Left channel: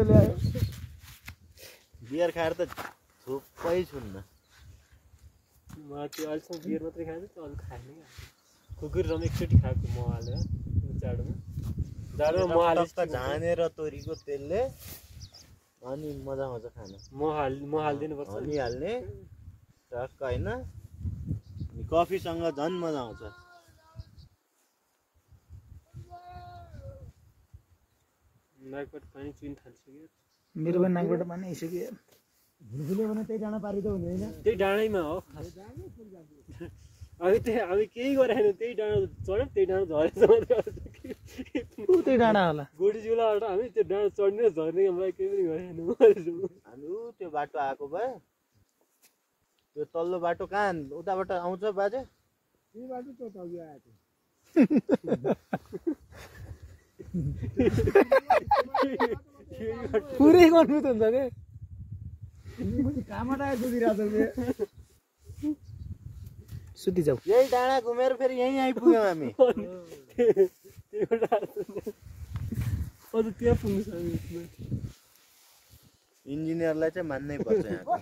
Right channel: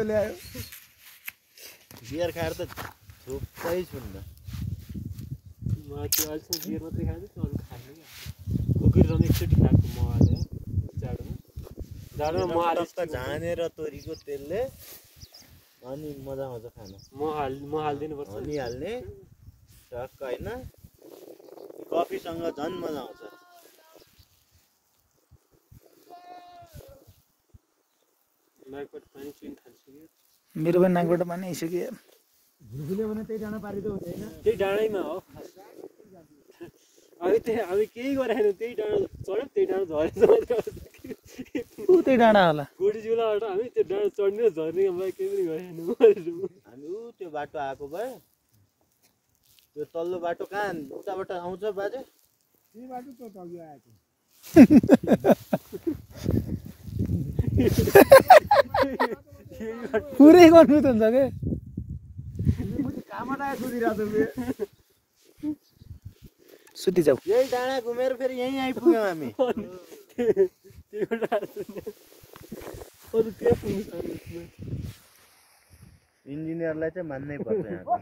ल्यायो बियर खाएर त थुप्रै छुन्न म त्यो अहिलेसम्म बियर मात्रै खाएको छु अरू खाएन कुकुर रम एकचोटि खाएको म हालेर जाडोमा म हाले झानेर तोरीको तेलले अनि मजा मजा खान म हाल्दिनु पर्छ हनी हाल्ने टक्क हैन कफीसँग झन् मजा आउँछ नाकबाट पानी चुइन थाल्छ मेरो पनि नाकबाट पानी आइसक्यो भुलभुले भने त्यही डाँडा पारिँदा हुँदैन त्यही डाँडैमा हो अब केही गरेन त्यही डाँडा चढ्यो त्यही डाँडा झरेछ त्यही डाँडा होला गोडी झुलाबाट हामी त्यो डाँडा चढ्ने झर्ने केही पनि गरेन हामी त्यो बाटो आएको भए त्यो तल्लो बाटो कहाँ उताबाट आउँछ बाजे यही बाटो त तल्लो आएको पुरै गर्नु त हुन्छ के कामबाट आएको दिइरहेको सुति जाऊ यही डाँडा घुमेर फेरि यहीँ आइपुग्यौँ हामी इन्जिनियरलाई चाहिँ मान्नै पर्छ यहाँको